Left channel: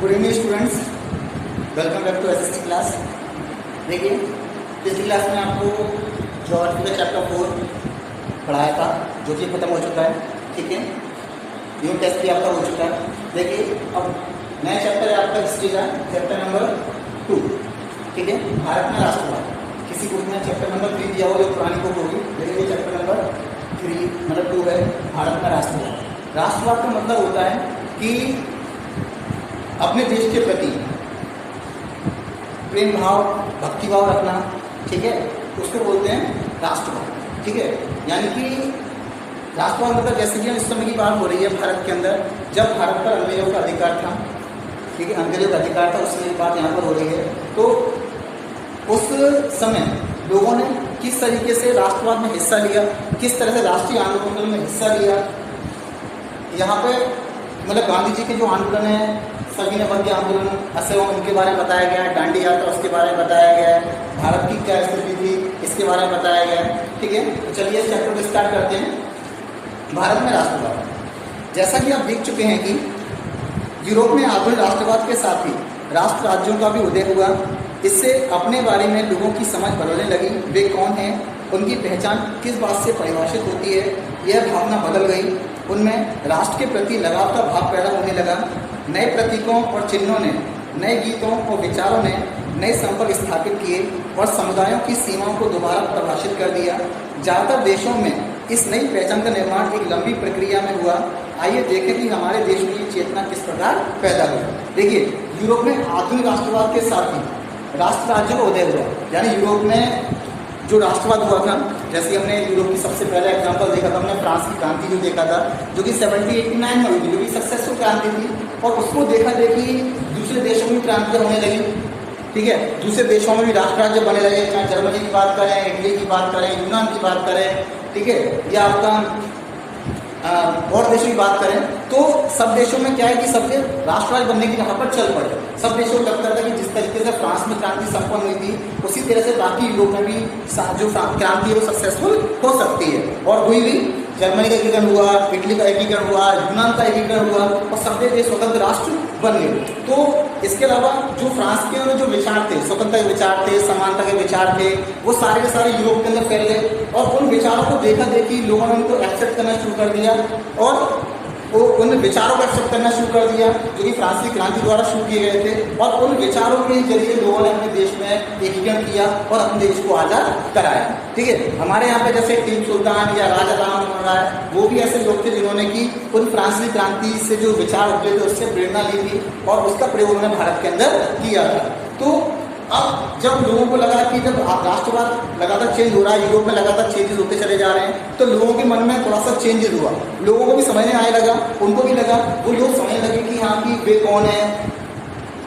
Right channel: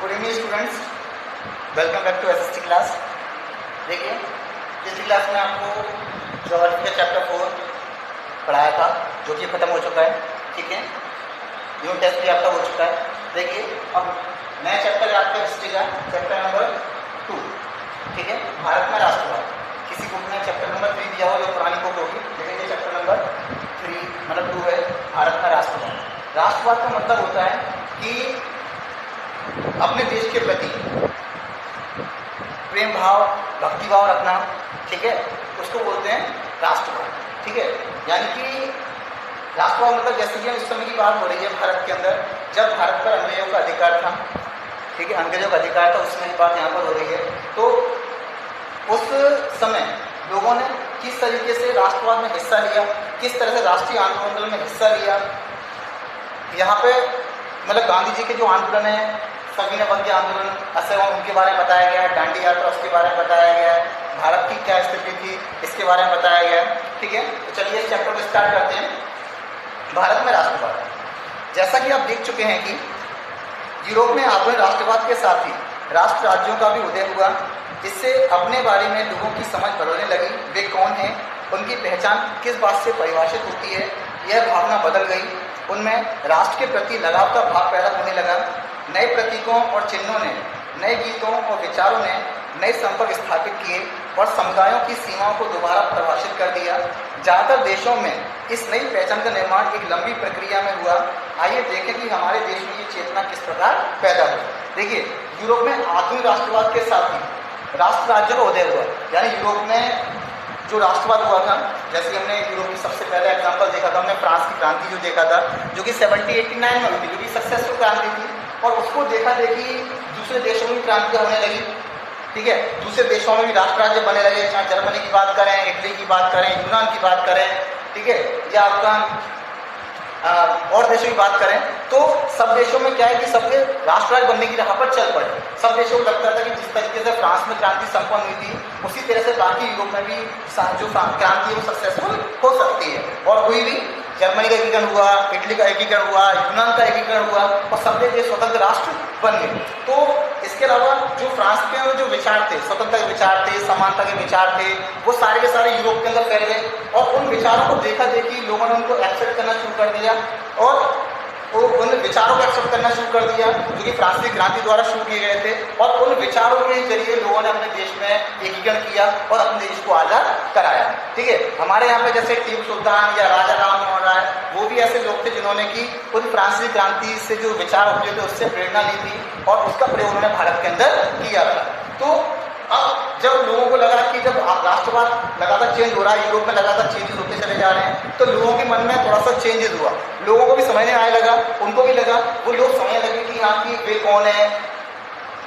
Good evening students, welcome back to SST class. देखिए, पिछली class में आपको ज्योग्राफी का चैप्टर 4 पढ़ाया था, जो कि खत्म हो चुका है। ठीक है, यूनिट टेस्ट भी आपका हो चुका है। देखिए, अब नया चैप्टर है आपका हिस्ट्री का, चैप्टर नंबर 2। ठीक है, भारत में राष्ट्रवाद। किसी बुक में चैप्टर नंबर 3 दिया हुआ, जो पुरानी बुक होगी। देखिए, ये चैप्टर नंबर 3 मतलब 2 है, भारत में राष्ट्रवाद। राष्ट्रवाद का मतलब होता है कि अपने देश के प्रति प्रेम भाव, भक्ति भाव रखना। ठीक है, उसको बोलते हैं राष्ट्रवाद। ठीक है, यानी कि राष्ट्रवाद मतलब जैसे कि हम इस समय की बात हो रही है भारत के अंदर, जब भारत पर अंग्रेजों का अधिकार था। ठीक है, अंग्रेजों का अधिकार था, उस समय की बात यहाँ पर हो रही है। तो उस समय लोगों ने किस तरीके से राष्ट्रवाद में हिस्सा लिया, किस तरह से राष्ट्रीय आंदोलन में हिस्सा लिया। यहाँ पे मतलब गांधी जी के जो आंदोलन है, सविनय अवज्ञा आंदोलन, असहयोग, उनके बारे में बताया गया है। दांडी यात्रा, उसके बारे में बताया गया है। भारत की क्या स्थिति थी, इसके बारे में बताया गया है। ठीक है, तो चलिए इस चैप्टर को स्टार्ट करते हैं। भारत में राष्ट्रवाद, जैसा कि आप देख चुके हैं कि यूरोप में आधुनिक राष्ट्रवाद के साथ ही राष्ट्र राज्यों का भी उदय हुआ। इससे अपने बारे में लोगों की समझ बदलने लगी। वे कौन हैं, उनकी पहचान किस बात से परिभाषित होती है, यह भावना बदल गई। उनमें राष्ट्र के प्रति लगाव का भाव पैदा होने लगा। नए प्रतीकों और चिन्हों ने, नए गीतों और विचारों ने नए संपर्क स्थापित किए और समुदायों की सीमाओं को दोबारा परिभाषित कर दिया। ज़्यादातर देशों में इस नई पहचान का निर्माण एक लंबी प्रक्रिया में हुआ। आइए देखें कि हमारे देश में ये चेतना किस प्रकार पैदा हुई। देखिए, यूरोप में आधुनिक राष्ट्रवाद के साथ ही राष्ट्र राज्यों का उदय हुआ। यानी यूरोप में जो राष्ट्रवाद हुआ था, जैसे हमने यूरोप की सबसे पहले एग्जांपल देखा था, हमने फ्रांस की क्रांति जो देखा था, जो कि 1789 में हुई थी, जो कि सक्सेसफुल क्रांति थी। और उसको देखा देखी दूसरे देशों में क्रांतियाँ होने लगी। ठीक है, दूसरे देशों में भी राष्ट्र राज्य बने लगे, चाहे जर्मनी की बात करें, इटली की बात करें, यूनान की बात करें। ठीक है, या आपका और देशों की बात करें, तो सब देशों में क्या है कि सबके राष्ट्र राज्य बनने की राह पर चल पड़े। सब देशों को लगता था कि जिस तरीके से फ्रांस में क्रांति संपन्न हुई थी, उसी तरह से बाकी यूरोप में भी जो क्रांति है वो सक्सेसफुल हो सकती है, और हुई भी। जर्मनी का एकीकरण हुआ, इटली का एकीकरण हुआ, यूनान का एकीकरण हुआ, और सब देश स्वतंत्र राष्ट्र बन गए। तो इसके अलावा जो फ्रांस के जो विचार थे, स्वतंत्रता के विचार थे, समानता के विचार थे, वो सारे के सारे यूरोप के अंदर फैल गए। और उन विचारों को देखा देखी लोगों ने उनको एक्सेप्ट करना शुरू कर दिया, और वो उन विचारों को एक्सेप्ट करना शुरू कर दिया जो कि फ्रांसीसी क्रांति द्वारा शुरू किए गए थे। और उन विचारों के जरिए लोगों ने अपने देश में एकीकरण किया और अपने देश को आज़ाद कराया। ठीक है, हमारे यहाँ पे जैसे टीपू सुल्तान या राजा राम मोहन राय, वो भी ऐसे लोग थे जिन्होंने कि उन फ्रांसीसी क्रांति से जो विचार उठे थे उससे प्रेरणा ली थी और उसका प्रयोग उन्होंने भारत के अंदर किया था। तो अब जब लोगों को लगा कि जब राष्ट्रवाद लगातार चेंज हो रहा है, यूरोप में लगातार चेंजेस होते चले जा रहे हैं, तो लोगों के मन में थोड़ा सा चेंजेस हुआ। लोगों को भी समझने आने लगा, उनको भी लगा, वो लोग समझने लगे कि हाँ कि वे कौन है,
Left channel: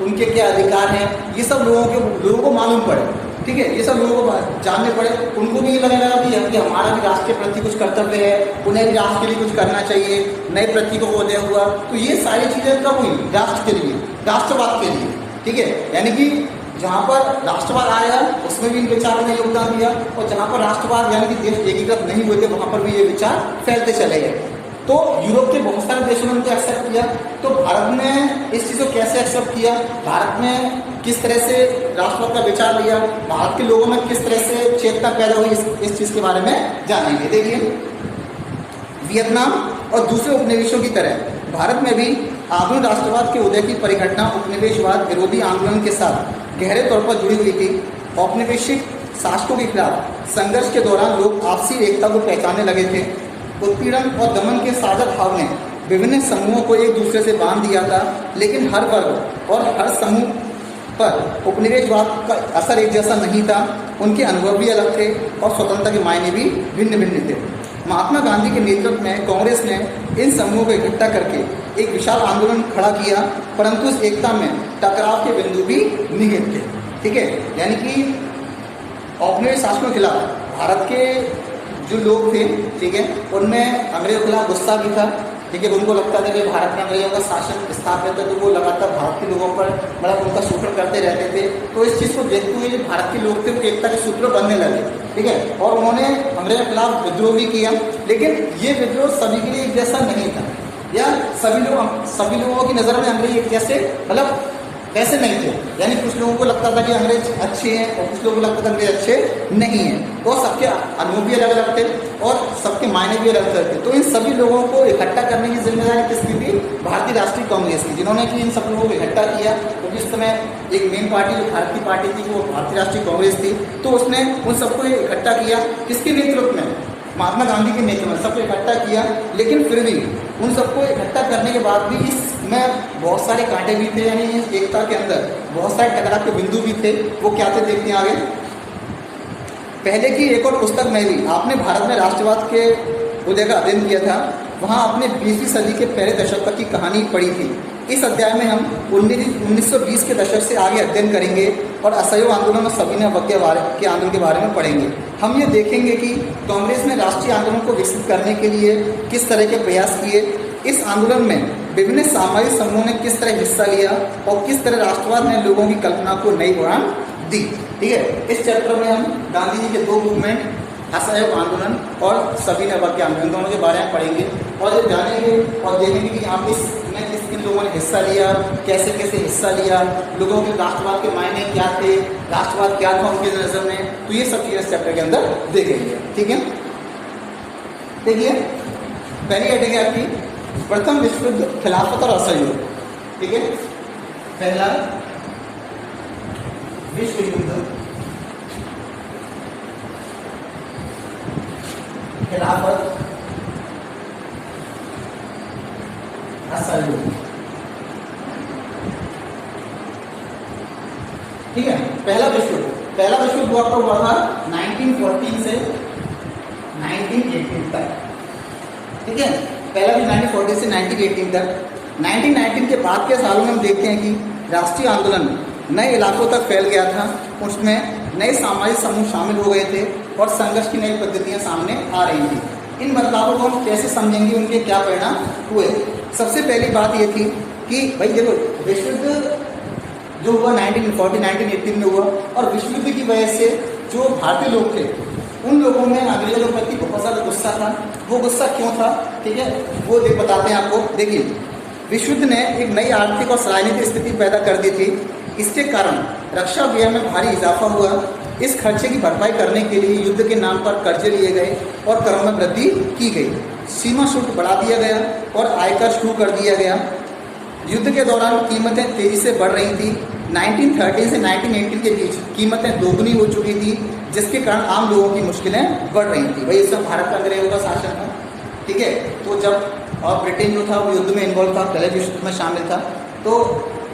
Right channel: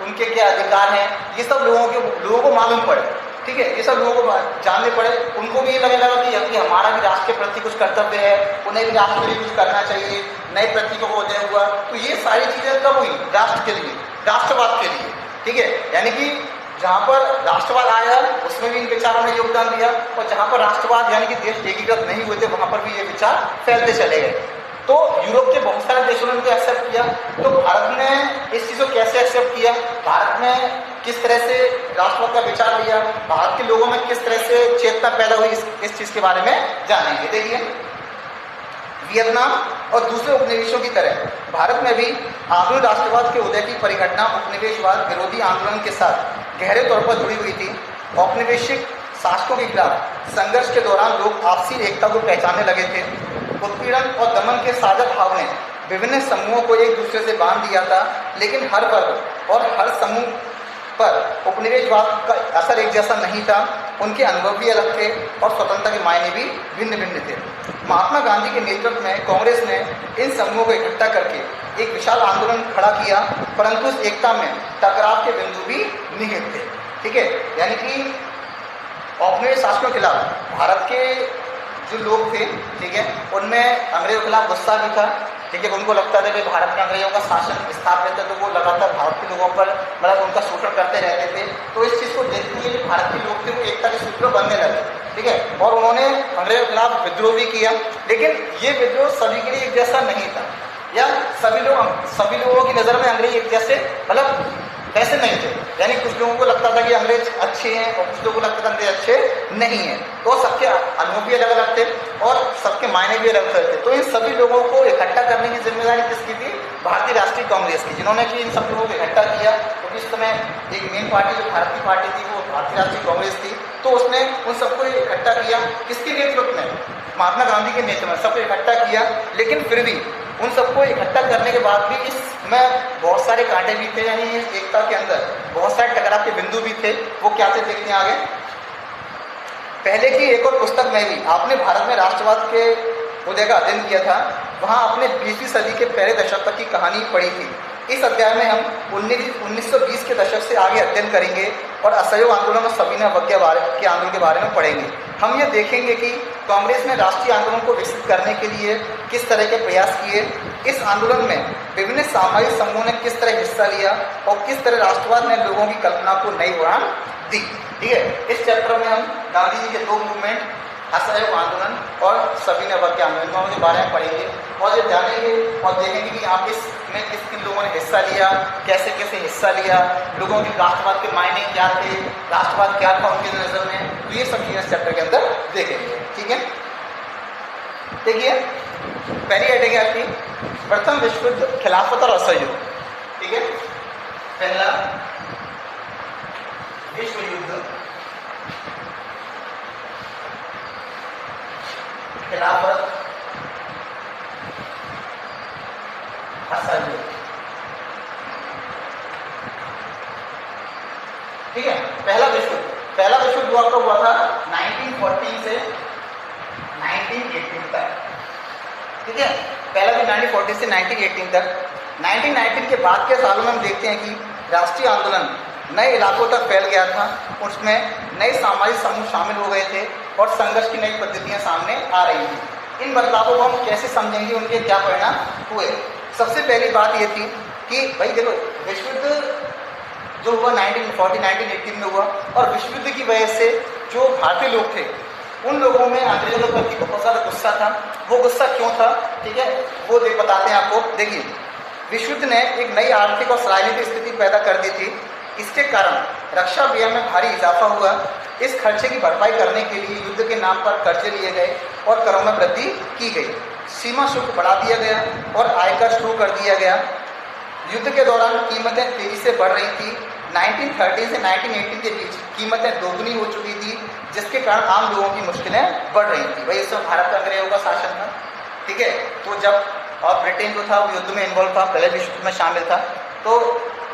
उनके क्या अधिकार हैं, ये सब लोगों को मालूम पड़े। ठीक है, ये सब लोगों को जानने पड़े। उनको भी ये लगने लगा कि हमारा भी राष्ट्र के प्रति कुछ कर्तव्य है, उन्हें भी राष्ट्र के लिए कुछ करना चाहिए। नए प्रतीकों को उदय हुआ। तो ये सारी चीज़ें कब हुई? राष्ट्र के लिए, राष्ट्रवाद के लिए। ठीक है, यानी कि जहाँ पर राष्ट्रवाद आया उसमें भी इन विचारों ने योगदान दिया, और जहाँ पर राष्ट्रवाद यानी कि देश एकीकृत नहीं हुए थे, वहाँ पर भी ये विचार फैलते चले गए। तो यूरोप के बहुत सारे देशों ने इनको एक्सेप्ट किया। तो भारत ने इस चीज़ को कैसे एक्सेप्ट किया, भारत में किस तरह से राष्ट्रवाद का विचार लिया, भारत के लोगों में किस तरह से चेतना पैदा हुई, इस चीज़ के बारे में जानेंगे। देखिए, वियतनाम और दूसरे उपनिवेशों की तरह भारत में भी आधुनिक राष्ट्रवाद के उदय की परिघटना उपनिवेशवाद विरोधी आंदोलन के साथ गहरे तौर पर जुड़ी हुई थी। औपनिवेशिक शासकों के खिलाफ संघर्ष के दौरान लोग आपसी एकता को पहचानने लगे थे। उत्पीड़न और दमन के साझा भाव ने विभिन्न समूहों को एक दूसरे से बांध दिया था, लेकिन हर वर्ग और हर समूह पर उपनिवेशवाद का असर एक जैसा नहीं था। उनके अनुभव भी अलग थे और स्वतंत्रता के मायने भी भिन्न भिन्न थे। महात्मा गांधी के नेतृत्व में कांग्रेस ने इन समूहों को इकट्ठा करके एक विशाल आंदोलन खड़ा किया, परंतु उस एकता में टकराव के बिंदु भी निहित थे। ठीक है, यानी कि औपनिवेशिक शासकों के खिलाफ भारत के जो लोग थे, ठीक है, उनमें अंग्रेजों के खिलाफ गुस्सा भी था। ठीक है, उनको लगता था कि भारत में अंग्रेजों का शासन स्थापित है, तो वो लगातार भारत के लोगों पर मतलब उनका शोषण करते रहते थे। तो इस चीज़ को देखते हुए भारत के लोग फिर एकता के सूत्र बनने लगे। ठीक है, और उन्होंने अंग्रेजों के खिलाफ विद्रोह भी किया, लेकिन ये विद्रोह सभी के लिए एक जैसा नहीं था। या सभी लोगों की नज़र में अंग्रेज एक जैसे मतलब वैसे नहीं थे। यानी कुछ लोगों को लगता था कि अंग्रेज अच्छे हैं और कुछ लोगों को लगता था अंग्रेज अच्छे नहीं हैं। तो सबके अनुभव भी अलग अलग थे और सबके मायने भी अलग अलग थे। तो इन सभी लोगों को इकट्ठा करने की जिम्मेदारी किसकी थी? भारतीय राष्ट्रीय कांग्रेस की, जिन्होंने कि इन सब लोगों को इकट्ठा किया। क्योंकि इस समय एक मेन पार्टी जो भारत की पार्टी थी वो भारतीय राष्ट्रीय कांग्रेस थी। तो उसने उन सबको इकट्ठा किया। किसके नेतृत्व में? महात्मा गांधी के नेतृत्व में सबको इकट्ठा किया। लेकिन फिर भी उन सबको इकट्ठा करने के बाद भी इसमें बहुत सारे कांटे भी थे। यानी इस एकता के अंदर बहुत सारे टकराव के बिंदु भी थे। वो क्या थे देखते हैं आगे। पहले की एक और पुस्तक में भी आपने भारत में राष्ट्रवाद के उदय का अध्ययन किया था, वहाँ आपने 20वीं सदी के पहले दशक तक की कहानी पढ़ी थी। इस अध्याय में हम 1920 के दशक से आगे अध्ययन करेंगे और असहयोग आंदोलन और सविनय अवज्ञा के आंदोलन के बारे में पढ़ेंगे। हम ये देखेंगे कि कांग्रेस ने राष्ट्रीय आंदोलन को विकसित करने के लिए किस तरह के प्रयास किए, इस आंदोलन में विभिन्न सामाजिक समूहों ने किस तरह हिस्सा लिया और किस तरह राष्ट्रवाद ने लोगों की कल्पना को नई उड़ान दी। ठीक है, इस चैप्टर में हम गांधी जी के दो मूवमेंट, असहयोग आंदोलन और सविनय अवज्ञा आंदोलन, दोनों के बारे में पढ़ेंगे और ये जानेंगे और देखेंगे कि यहाँ इसमें किन लोगों ने हिस्सा लिया, कैसे कैसे हिस्सा लिया, लोगों के राष्ट्रवाद के मायने क्या थे, राष्ट्रवाद क्या था उनकी नजर में। तो ये सब चीजें इस चैप्टर के अंदर देखेंगे। ठीक है, देखिए पहली हेडिंग है आपकी प्रथम विश्व युद्ध, खिलाफत और असहयोग। ठीक है, पहला विश्व युद्ध, खिलाफत, असहयोग। ठीक है, पहला विश्व युद्ध आपका हुआ था 1914 से 1918 तक। ठीक है, पहला भी 1940 से 1918 तक। 1919 के बाद के सालों में हम देखते हैं कि राष्ट्रीय आंदोलन नए इलाकों तक फैल गया था। उसमें नए सामाजिक समूह शामिल हो गए थे और संघर्ष की नई पद्धतियां सामने आ रही थी। इन बदलावों को हम कैसे समझेंगे, उनके क्या परिणाम हुए। सबसे पहली बात ये थी कि भाई देखो, विश्व युद्ध जो हुआ 1918 में हुआ और विश्व युद्ध की वजह से जो भारतीय लोग थे उन लोगों में अंग्रेजों के प्रति बहुत ज़्यादा गुस्सा था। वो गुस्सा क्यों था? ठीक है, वो बताते हैं आपको। देखिए, विश्व युद्ध ने एक नई आर्थिक और राजनीतिक स्थिति पैदा कर दी थी। इसके कारण रक्षा व्यय में भारी इजाफा हुआ। इस खर्चे की भरपाई करने के लिए युद्ध के नाम पर कर्जे लिए गए और करों में वृद्धि की गई। सीमा शुल्क बढ़ा दिया गया और आयकर शुरू कर दिया गया। युद्ध के दौरान कीमतें तेजी से बढ़ रही थी। 1930 से 1980 के बीच कीमतें दोगुनी हो चुकी थी, जिसके कारण आम लोगों की मुश्किलें बढ़ रही थी। भाई इस समय भारत का अंग्रेजों का शासन था। ठीक है, तो जब ब्रिटेन जो था वो युद्ध में इन्वॉल्व था, पहले विश्व युद्ध में शामिल था, तो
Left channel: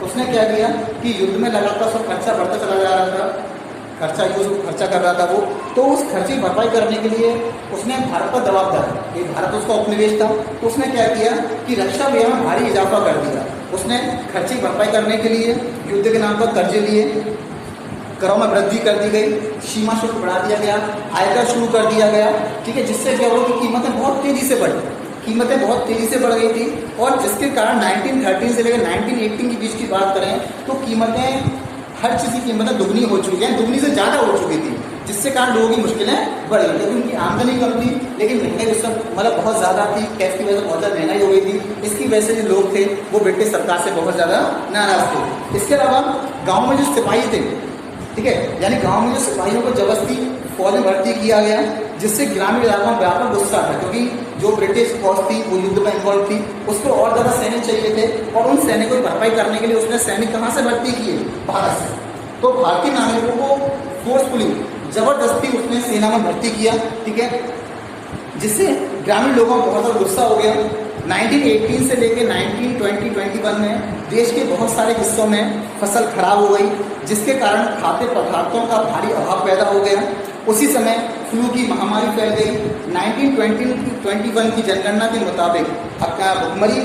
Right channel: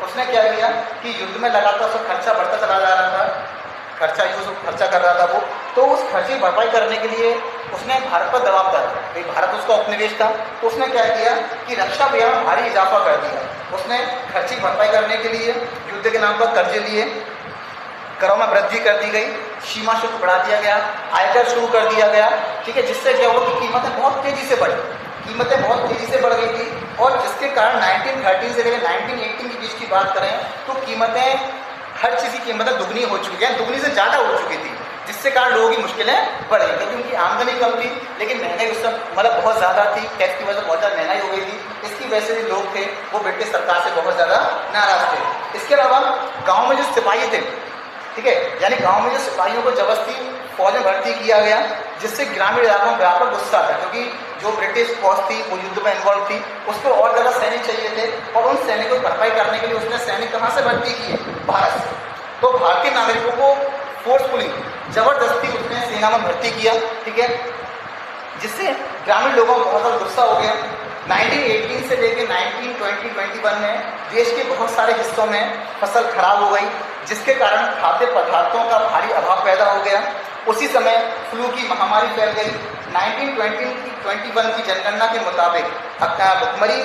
उसने क्या किया कि युद्ध में लगातार उसका खर्चा बढ़ता चला जा रहा था, खर्चा कर रहा था वो। तो उस खर्चे की भरपाई करने के लिए उसने भारत पर दबाव डाला। भारत उसका उपनिवेश था, तो उसने क्या किया कि रक्षा व्यय में भारी इजाफा कर दिया। उसने खर्चे की भरपाई करने के लिए युद्ध के नाम पर कर्जे लिए, करों में वृद्धि कर दी गई, सीमा शुल्क बढ़ा दिया गया, आयकर शुरू कर दिया गया। ठीक है, जिससे क्या हुआ कि कीमतें बहुत तेजी से बढ़ गई थी और जिसके कारण 1913 से लेकर 1918 के बीच की बात करें तो कीमतें, हर चीज़ की कीमतें दुगनी हो चुकी है, दुगनी से ज़्यादा हो चुकी थी, जिससे कारण लोगों की मुश्किलें बढ़ गई। क्योंकि उनकी आमदनी कम थी लेकिन महंगाई उस समय मतलब बहुत ज़्यादा थी, टैक्स की वजह से बहुत ज़्यादा महंगाई हो गई थी। इसकी वजह से जो लोग थे वो ब्रिटिश सरकार से बहुत ज़्यादा नाराज थे। इसके अलावा गाँव में जो सिपाही थे, ठीक है, यानी गाँव में जो सिपाहियों को जबरदस्ती फौज में भर्ती किया गया, जिससे ग्रामीण इलाकों में व्यापक गुस्सा था। क्योंकि जो ब्रिटिश फौज थी वो युद्ध में इन्वॉल्व थी, उसको और ज़्यादा सैनिक चाहिए थे और उन सैनिकों की भरपाई करने के लिए उसने सैनिक कहाँ से भर्ती किए? भारत से। तो भारतीय नागरिकों को फोर्सफुली जबरदस्ती उसने सेना में भर्ती किया। ठीक है, जिससे ग्रामीण लोगों को बहुत ज़्यादा गुस्सा हो गया। 1918 से लेकर 1920-21 में देश के बहुत सारे हिस्सों में फसल खराब हो गई, जिसके कारण खाद्य पदार्थों का भारी अभाव पैदा हो गया। उसी समय फ्लू की महामारी फैल गई। 1920-21 की जनगणना के मुताबिक भुखमरी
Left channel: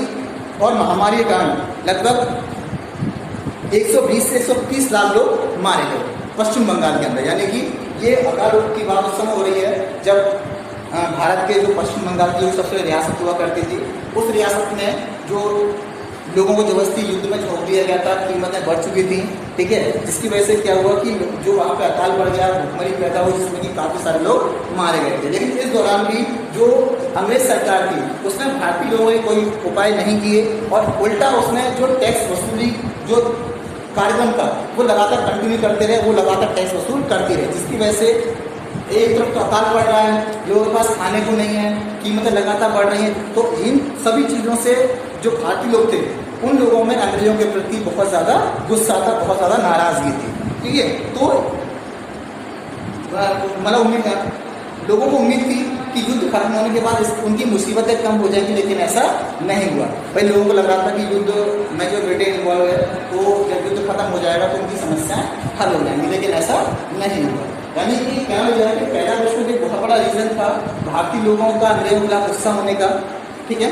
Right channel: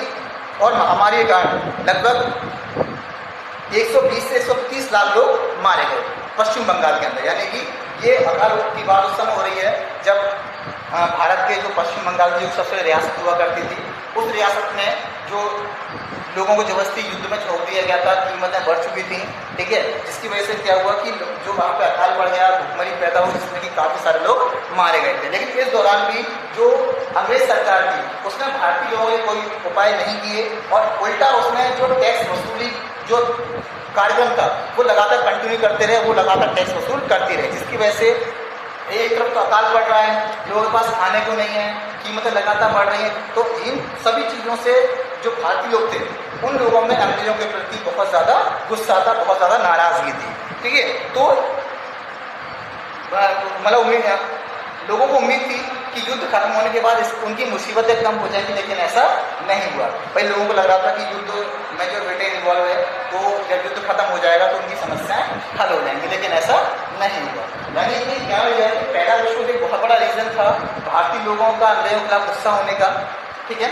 और महामारी के कारण लगभग 120 से 130 लाख लोग मारे गए पश्चिम बंगाल के अंदर। यानी कि ये अकाल की बात उस समय हो रही है जब भारत के जो पश्चिम बंगाल की जो सबसे रियासत हुआ करती थी, उस रियासत में जो लोगों को जबरदस्ती युद्ध में झोंक दिया गया था, कीमतें बढ़ चुकी थी। ठीक है, जिसकी वजह से क्या हुआ कि जो वहाँ पे अकाल पड़ गया, भुखमरी पैदा हुई, जिसमें कि काफ़ी सारे लोग मारे गए थे। लेकिन इस दौरान भी जो अंग्रेज सरकार थी उसने भारतीय लोगों के कोई उपाय नहीं किए और उल्टा उसने जो टैक्स वसूली जो कार्यक्रम था वो लगातार कंटिन्यू करते रहे, वो लगातार टैक्स वसूल करती रहे, जिसकी वजह से एक तरफ तो अकाल बढ़ रहा है, लोगों के पास खाने को नहीं है, कीमतें लगातार बढ़ रही हैं। तो इन सभी चीज़ों से जो भारतीय लोग थे उन लोगों में अंग्रेजों के प्रति बहुत ज़्यादा गुस्सा था, बहुत ज़्यादा नाराज़गी थी। ठीक है, तो मतलब उम्मीद है लोगों को उम्मीद थी कि युद्ध खत्म होने के बाद उनकी मुसीबतें कम हो जाएंगी, लेकिन ऐसा नहीं हुआ। भाई लोगों को लग रहा था कि युद्ध में जो ब्रिटेन इन्वॉल्व है तो जब युद्ध खत्म हो जाएगा तो उनकी समस्याएं हल हो जाएंगी, लेकिन ऐसा नहीं हुआ। यानी कि क्या हो जाए कि पहला विश्व युद्ध एक बहुत बड़ा रीजन था भारतीय लोगों का अंग्रेजों के खिलाफ गुस्सा होने का। ठीक है,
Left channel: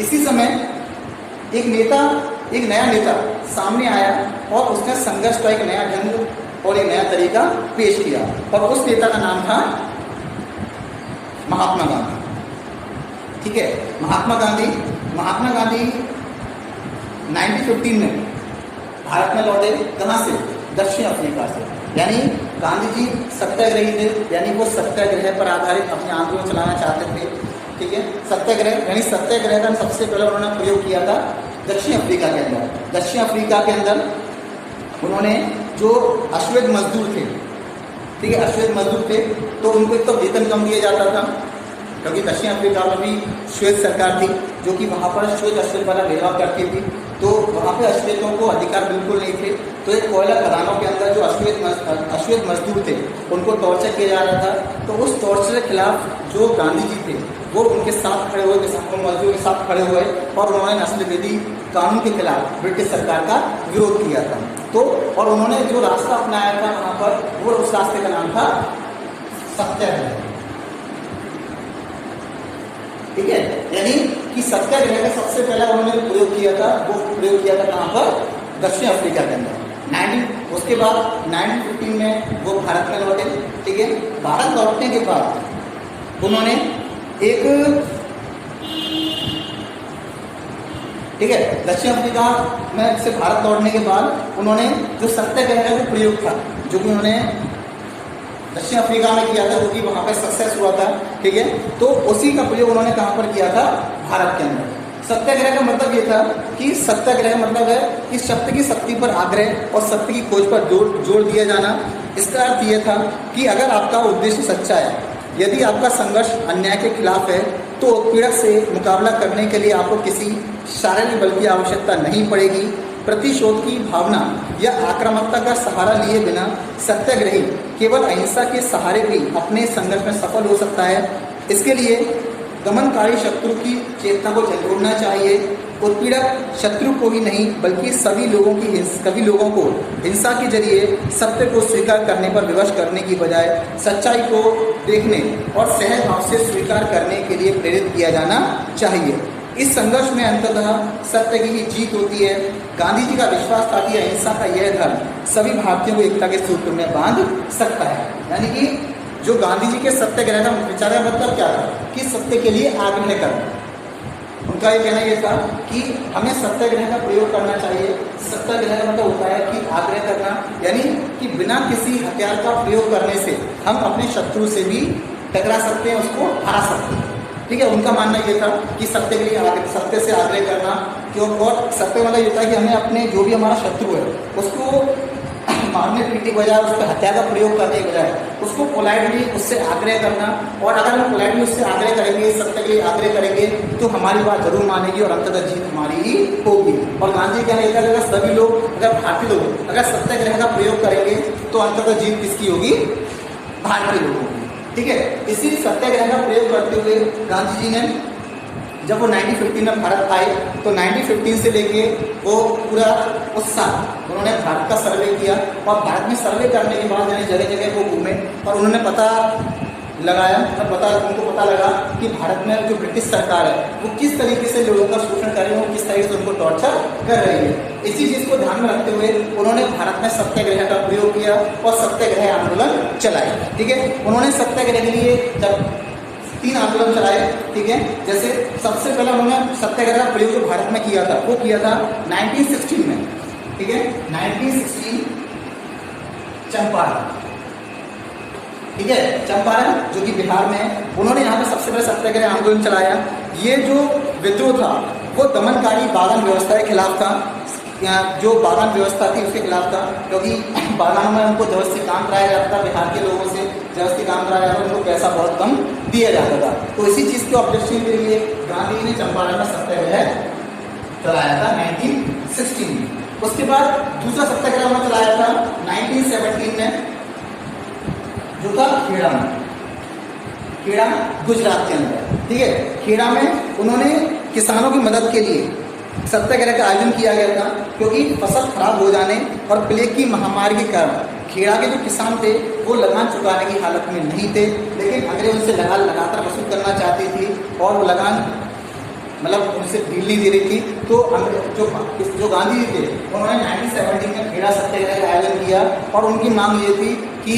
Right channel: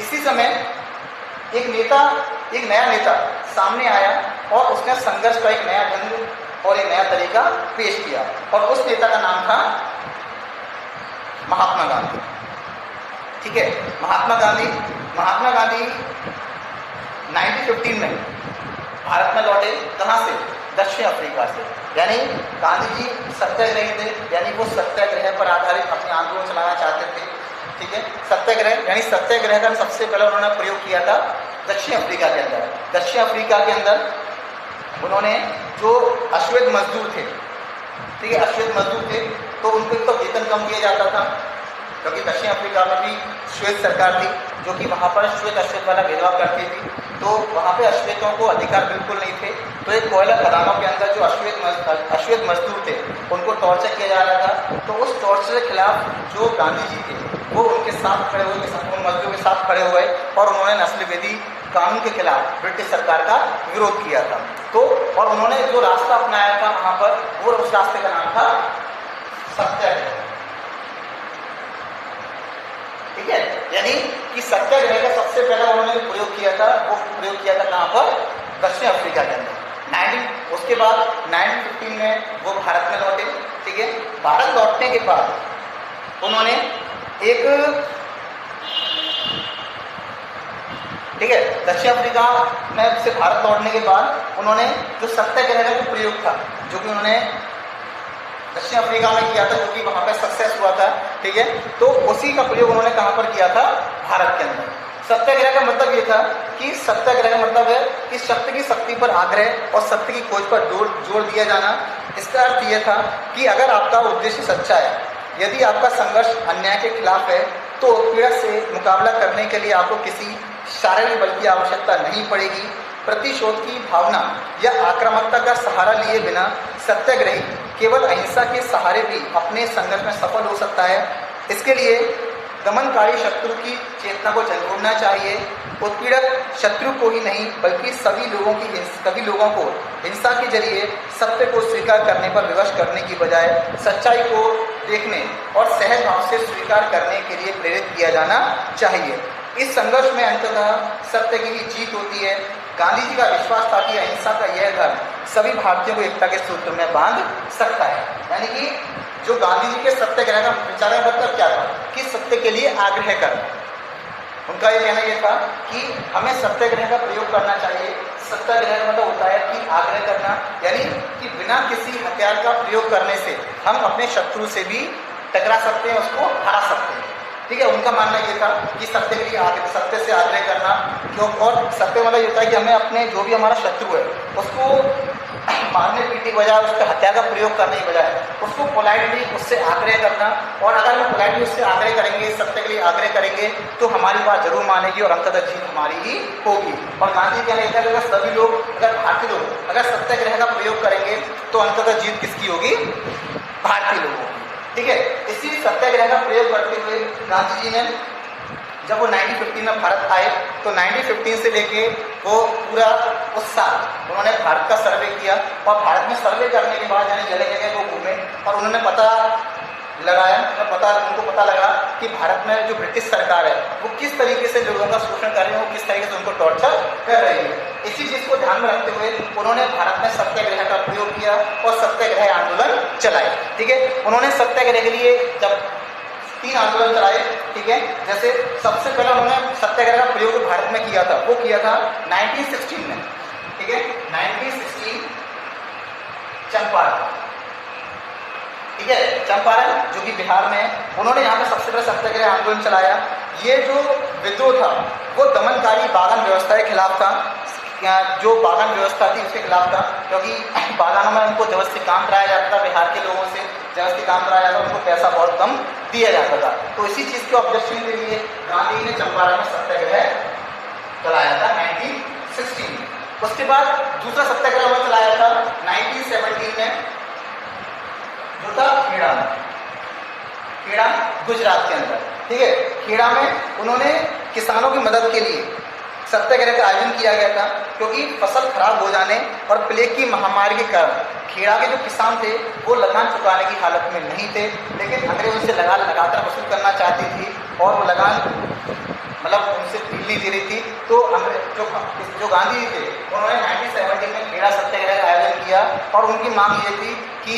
इसी समय एक नया नेता सामने आया और उसने संघर्ष का एक नया ढंग और एक नया तरीका पेश किया और उस नेता का नाम था महात्मा गांधी। ठीक है, महात्मा गांधी 1915 में भारत में लौटे। कहाँ से? दक्षिण अफ्रीका से। यानी गांधी जी सत्याग्रही थे, यानी वो सत्याग्रह पर आधारित अपने आंदोलन चलाना चाहते थे। ठीक है, सत्याग्रह यानी सत्याग्रह का सबसे पहले उन्होंने प्रयोग किया था दक्षिण अफ्रीका के अंदर। दक्षिण अफ्रीका के अंदर उन्होंने जो अश्वेत मजदूर थे, ठीक है, अश्वेत मजदूर थे तो उनको एक तो वेतन कम दिया जाता था, क्योंकि दक्षिण अफ्रीका में भी श्वेत सरकार थी जो कि वहाँ पर श्वेत अश्वेत वाला भेदभाव करती थी, तो वहाँ पे अश्वेतों को अधिकार बिल्कुल नहीं थे। तो एक कोयला खदानों के अंदर जो अश्वेत मजदूर थे उनको टॉर्चर किया जा रहा था। तो उस टॉर्चर के खिलाफ जो गांधी जी थे वो उनके साथ खड़े हुए, उन मजदूरों के साथ खड़े हुए और उन्होंने नस्ल विधि कानून के खिलाफ ब्रिटिश सरकार का विरोध किया था। तो और उन्होंने जो रास्ता अपनाया था वहाँ पर, वो उस रास्ते का नाम था सत्याग्रह। ठीक है, यानी कि सत्याग्रह का सबसे पहला उन्होंने प्रयोग किया था, वो प्रयोग किया था कहाँ पर? दक्षिण अफ्रीका के अंदर। उसके बाद 1915 में वो भारत में लौटे। ठीक है, भारत लौटने के बाद उन्होंने एक, ठीक है, दक्षिण अफ्रीका में से भारत लौटने के बाद उन्होंने जो सत्याग्रह का जो प्रयोग था, जो कि उन्होंने दक्षिण अफ्रीका में किया था, जो कि वहाँ पे सक्सेस हुआ था। ठीक है, तो उसी का प्रयोग उन्होंने कहाँ पर किया था? भारत के अंदर। सत्याग्रह का मतलब ये था कि सत्याग्रह का मतलब है कि सत्य की शक्ति पर आग्रह और सत्य की खोज पर जोर दिया जाना। इसका अर्थ ये था कि अगर आपका उद्देश्य सच्चा है, यदि आपका संघर्ष अन्याय के खिलाफ है, तो उत्पीड़क से मुकाबला करने के लिए आपको किसी शारीरिक बल की आवश्यकता नहीं पड़ेगी। प्रतिशोध की भावना या आक्रामकता का सहारा लिए बिना सत्याग्रही केवल अहिंसा के सहारे भी अपने संघर्ष में सफल हो सकता है। इसके लिए दमनकारी शत्रु की चेतना को झंझोड़ना चाहिए। उत्पीड़क शत्रु को ही नहीं बल्कि सभी लोगों को हिंसा के जरिए सत्य को स्वीकार करने पर विवश करने की बजाय सच्चाई को देखने और सहज भाव से स्वीकार करने के लिए प्रेरित किया जाना चाहिए। इस संघर्ष में अंततः सत्य की ही जीत होती है। गांधी जी का विश्वास था कि अहिंसा का यह धर्म सभी भारतीयों को एकता के सूत्र में बांध सकता है। यानी कि जो गांधी जी के सत्याग्रह का विचार का मतलब क्या था? कि सत्य के लिए आग्रह करना। उनका ये कहना ये था कि हमें सत्याग्रह का प्रयोग करना चाहिए। सत्याग्रह का मतलब होता है कि आग्रह करना, यानी कि बिना किसी हथियार का प्रयोग करने से हम अपने शत्रु से भी टकरा सकते हैं, उसको हरा सकते हैं। ठीक है, उनका मानना ये था कि सत्य के लिए सत्य से आग्रह करना क्यों, और सत्य मतलब ये होता है कि हमें अपने जो भी हमारा शत्रु है उसको मारने पीटने के बजाय, उसके हत्या का प्रयोग करने के बजाय उसको पोलाइटली उससे आग्रह करना। और अगर हम पोलाइटली उससे आग्रह करेंगे, सत्य के लिए आग्रह करेंगे, तो हमारी बात जरूर मानेगी और अंततः जीत हमारी ही होगी। और गांधी जी कहना ये था कि अगर सभी लोग, अगर भारतीय लोग अगर सत्याग्रह का प्रयोग करेंगे तो अंततः जीत किसकी होगी? भारतीय लोगों की। ठीक है, इसी सत्याग्रह का प्रयोग करते हुए गांधी जी ने जब वो 1915 में भारत आए तो 1915 से लेके वो पूरा उस साल उन्होंने भारत का सर्वे किया। और भारत में सर्वे करने के बाद यानी जगह जगह वो घूमे और उन्होंने पता लगाया, उनको पता लगा कि भारत में जो ब्रिटिश सरकार है वो किस तरीके से लोगों का शोषण कर रही है, वो किस तरीके से उनको टॉर्चर कर रही है। इसी चीज़ को ध्यान में रखते हुए उन्होंने भारत में सत्याग्रह का प्रयोग किया और सत्याग्रह आंदोलन चलाए। ठीक है, उन्होंने सत्याग्रह के लिए जब 3 आंदोलन चलाए। ठीक है, जैसे सबसे पहला उन्होंने सत्याग्रह का प्रयोग जो भारत में किया था वो किया था 1916 में। ठीक है, 1916 चंपारण। ठीक है। चंपारण जो कि बिहार में है, उन्होंने यहाँ पे सबसे बड़ा सत्याग्रह आंदोलन चलाया। ये जो विद्रोह था वो दमनकारी बागान व्यवस्था के खिलाफ था, जो बागान व्यवस्था थी उसके खिलाफ था, क्योंकि बागानों में उनको जबरदस्ती काम कराया जाता था, बिहार के लोगों से जबरदस्ती काम कराया जाता था, उनको पैसा बहुत कम दिया जाता था। तो इसी चीज़ के ऑब्जेक्शन के लिए गांधी ने चंपारण में सत्याग्रह चलाया था 1916 में। उसके बाद दूसरा सत्याग्रह उन्होंने चलाया था 1917 में, जो था खेड़ा में, खेड़ा गुजरात के अंदर, ठीक है। खेड़ा में उन्होंने किसानों की मदद के लिए सत्याग्रह का आयोजन किया गया था, क्योंकि फसल खराब हो जाने और प्लेग की महामारी के कारण खेड़ा के जो किसान थे वो लगान चुकाने की हालत में नहीं थे, लेकिन अंग्रेज उनसे लगातार वसूल करना चाहती थी और वो लगान मतलब उनसे ढील नहीं दे रही थी। तो जो गांधी जी थे उन्होंने 1917 में खेड़ा सत्याग्रह का आयोजन किया और उनकी मांग ये थी कि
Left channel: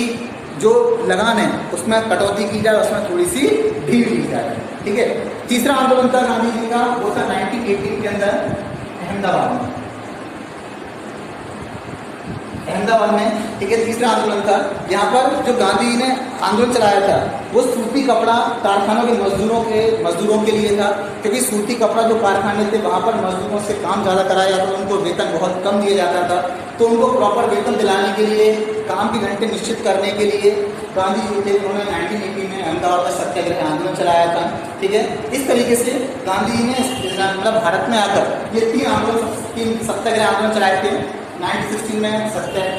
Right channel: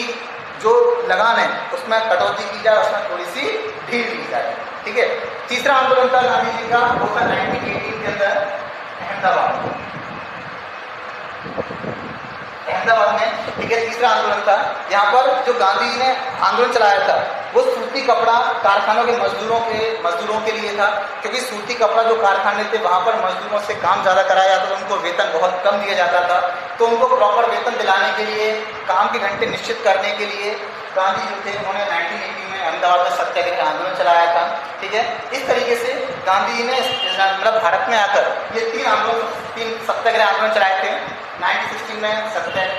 जो लगान है उसमें कटौती की जाए, उसमें थोड़ी सी ढील दी जाए, ठीक है। तीसरा आंदोलन था गांधी जी का, वो था 1918 के अंदर अहमदाबाद में, ठीक है। तीसरा आंदोलन था, यहाँ पर जो गांधी जी ने आंदोलन चलाया था वो सूती कपड़ा कारखानों के मजदूरों के लिए था, क्योंकि सूती कपड़ा जो कारखाने थे वहाँ पर मजदूरों से काम ज़्यादा कराया जाता था, उनको वेतन बहुत कम दिया जाता था। तो उनको प्रॉपर वेतन दिलाने के लिए, काम के घंटे निश्चित करने के लिए गांधी जी थे, उन्होंने 1980 में अहमदाबाद में सत्याग्रह आंदोलन चलाया था, ठीक है। इस तरीके से गांधी जी ने मतलब भारत में आकर ये तीन सत्याग्रह आंदोलन चलाए थे। 1916 में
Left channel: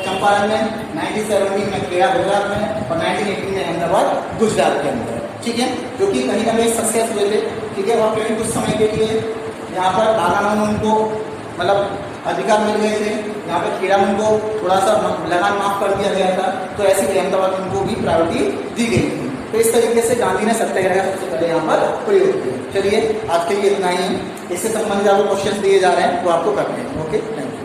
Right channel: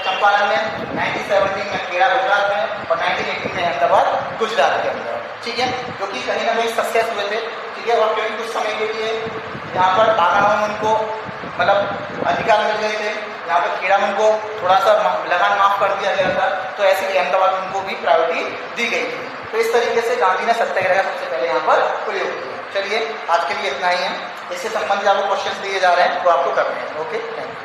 चंपारण में, 1917 में खेड़ा गुजरात में और 1918 में अहमदाबाद गुजरात के अंदर, ठीक है, जो कि कहीं ना कहीं सक्सेस हुए थे, ठीक है। और फिर कुछ समय के लिए यहाँ पर बागानों में उनको मतलब अधिकार मिल गए थे, यहाँ पर खेड़ा में उनको थोड़ा सा लगान माफ कर दिया गया था, तो ऐसे ही अहमदाबाद में उनको भी प्रायोरिटी दी गई थी। तो इस तरीके से गांधी ने सत्याग्रह का सबसे पहले यहाँ पर प्रयोग किया। चलिए आज के लिए इतना ही है, इससे संबंधित आपको क्वेश्चन दिए जा रहे हैं वो आपको करते हैं। Okay, thank you.